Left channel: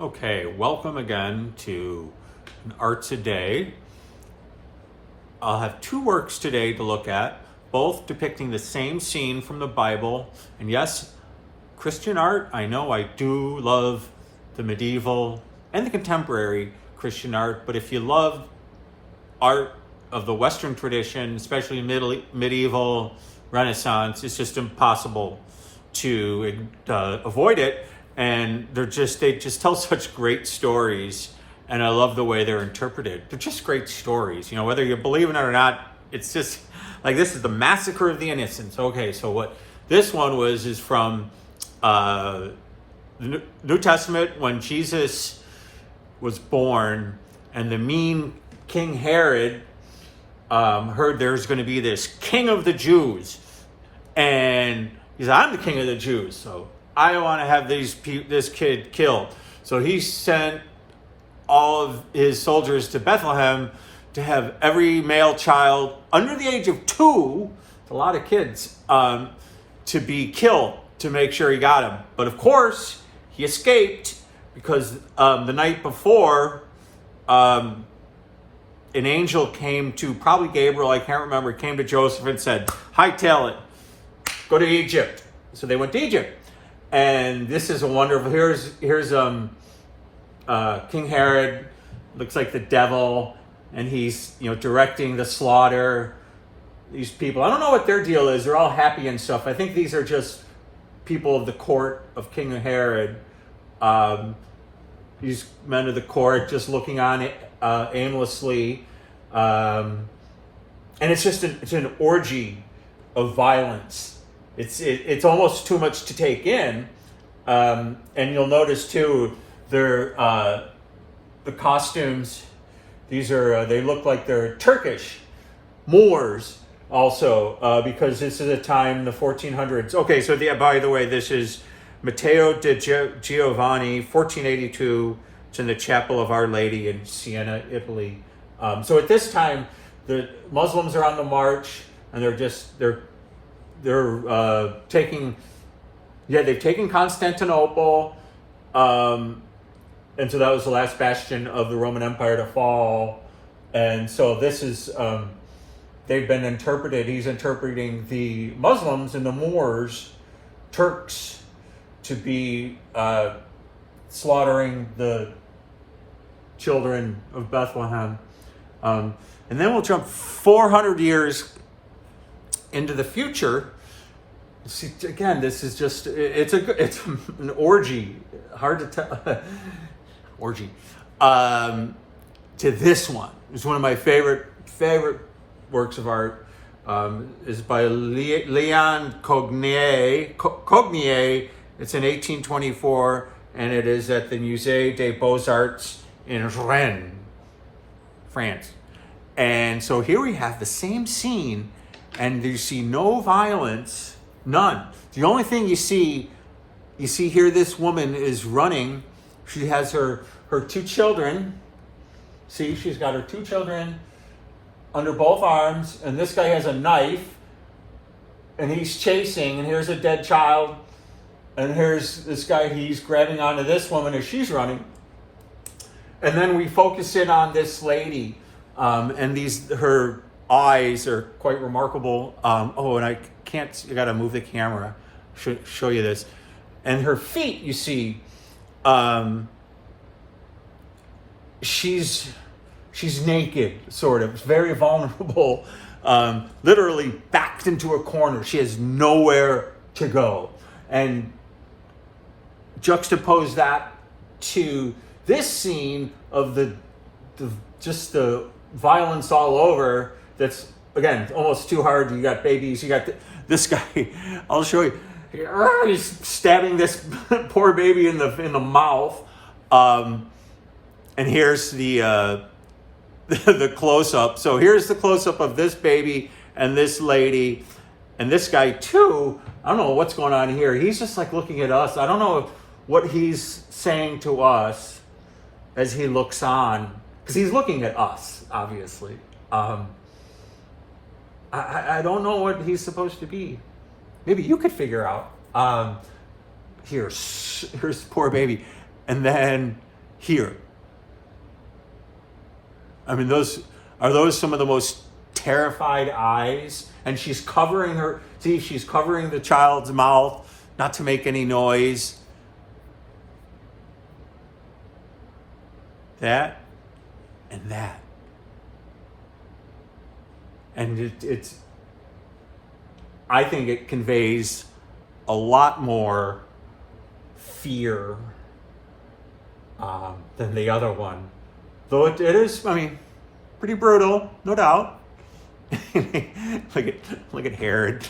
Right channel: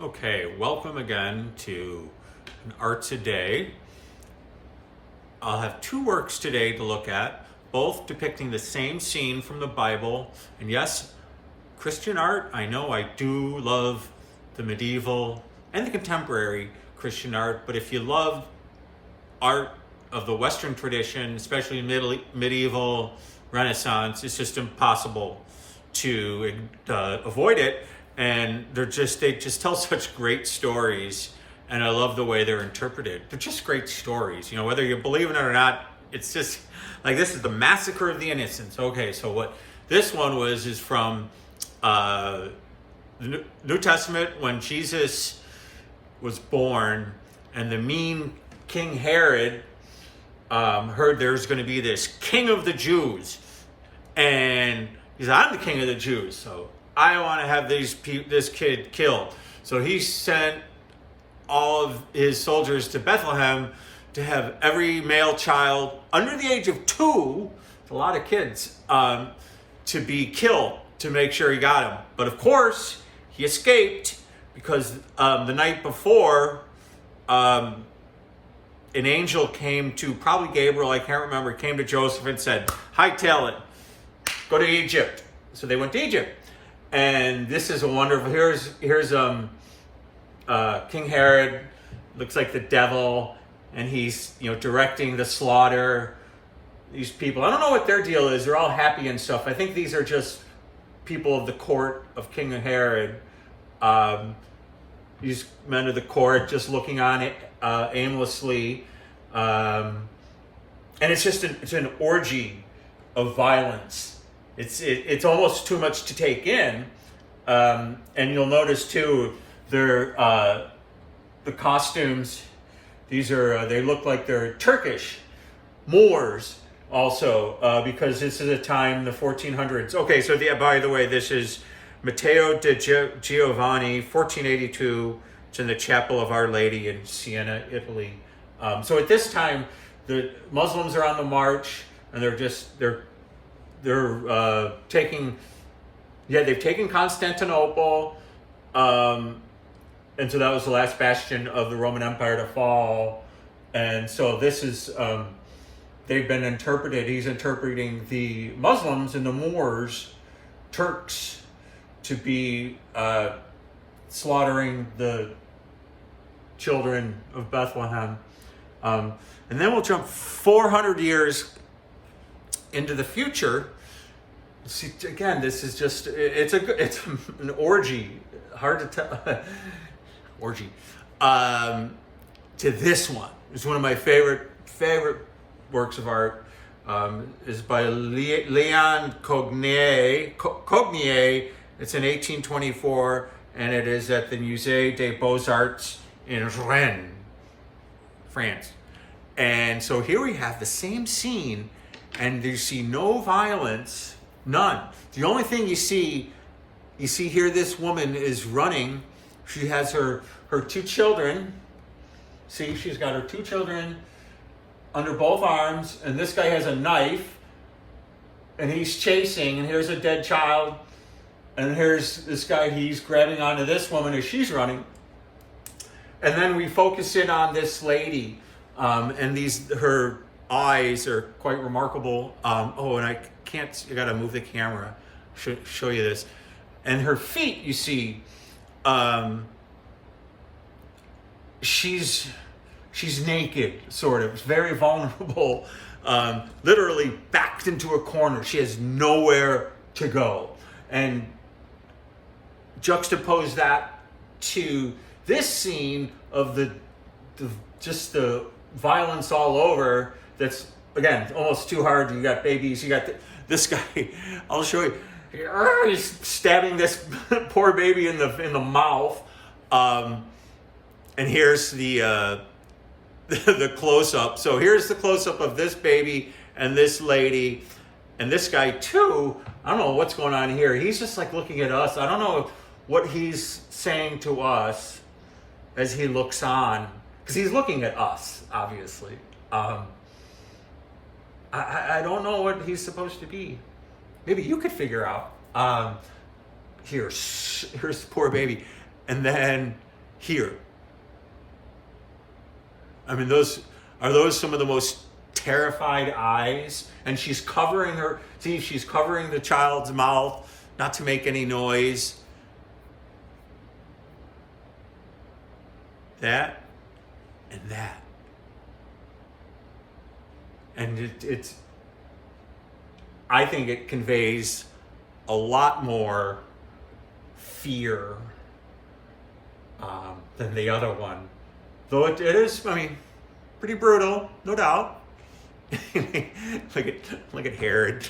Okay, welcome again to an Arts a Day. I'll have two works today to look at, both depicting the same scene from the Bible. And yes, Christian art, I know I do love the medieval and the contemporary Christian art, but if you love art of the Western tradition, especially medieval Renaissance, it's just impossible to avoid it. And they just tell such great stories, and I love the way they're interpreted. They're just great stories, whether you believe in it or not. It's just like, this is the Massacre of the Innocents. Okay, so what this one is from the New Testament, when Jesus was born, and the mean King Herod heard there was going to be this King of the Jews, and he said, "I'm the King of the Jews, so I don't want to have this kid killed." So he sent all of his soldiers to Bethlehem to have every male child under the age of 2, a lot of kids, to be killed to make sure he got him. But of course, he escaped because the night before, an angel came to, probably Gabriel, I can't remember, came to Joseph and said, "Hightail it, go to Egypt." So they went to Egypt. And this is a wonderful, here's King Herod, looks like the devil, and he's, directing the slaughter. These people, I don't know what their deal is. They're all happy and stuff. I think these are just people of the court of King Herod. These men of the court just looking on aimlessly. And it's an orgy of violence. It's almost too much to take in, and you'll notice too, the costumes. These are they look like they're Turkish Moors also, because this is a time in the 1400s. Okay, so by the way, this is Matteo de Giovanni, 1482. It's in the Chapel of Our Lady in Siena, Italy. So at this time, the Muslims are on the march, and they've taken Constantinople, and so that was the last bastion of the Roman Empire to fall. And so this is, they've been interpreted, he's interpreting the Muslims and the Moors, Turks, to be slaughtering the children of Bethlehem. And then we'll jump 400 years into the future. See, again, this is just, it's an orgy, hard to tell, orgy, to this one. It's one of my favorite works of art, is by Leon Cognier. It's in 1824, and it is at the Musée des Beaux-Arts in Rennes, France. And so here we have the same scene, and you see no violence, none. The only thing you see here, this woman is running. She has her 2 children. See, she's got her 2 children under both arms, and this guy has a knife, and he's chasing, and here's a dead child, and here's this guy, he's grabbing onto this woman as she's running. And then we focus in on this lady, and her eyes are quite remarkable. And I gotta move the camera, show you this. And her feet, you see, she's naked, sort of. It's very vulnerable, literally backed into a corner. She has nowhere to go. And juxtapose that to this scene of the violence all over. That's, again, almost too hard. You got babies, you got this guy, I'll show you. He's stabbing this poor baby in the mouth. And here's the close-up. So here's the close-up of this baby and this lady. And this guy too, I don't know what's going on here. He's just like looking at us. I don't know what he's saying to us as he looks on, because he's looking at us, obviously. I don't know what he's supposed to be. Maybe you could figure out. Here's the poor baby. And then here. I mean, are those some of the most terrified eyes? And she's covering she's covering the child's mouth not to make any noise. That and that. And I think it conveys a lot more fear than the other one. Though it is, I mean, pretty brutal, no doubt. Look at Herod.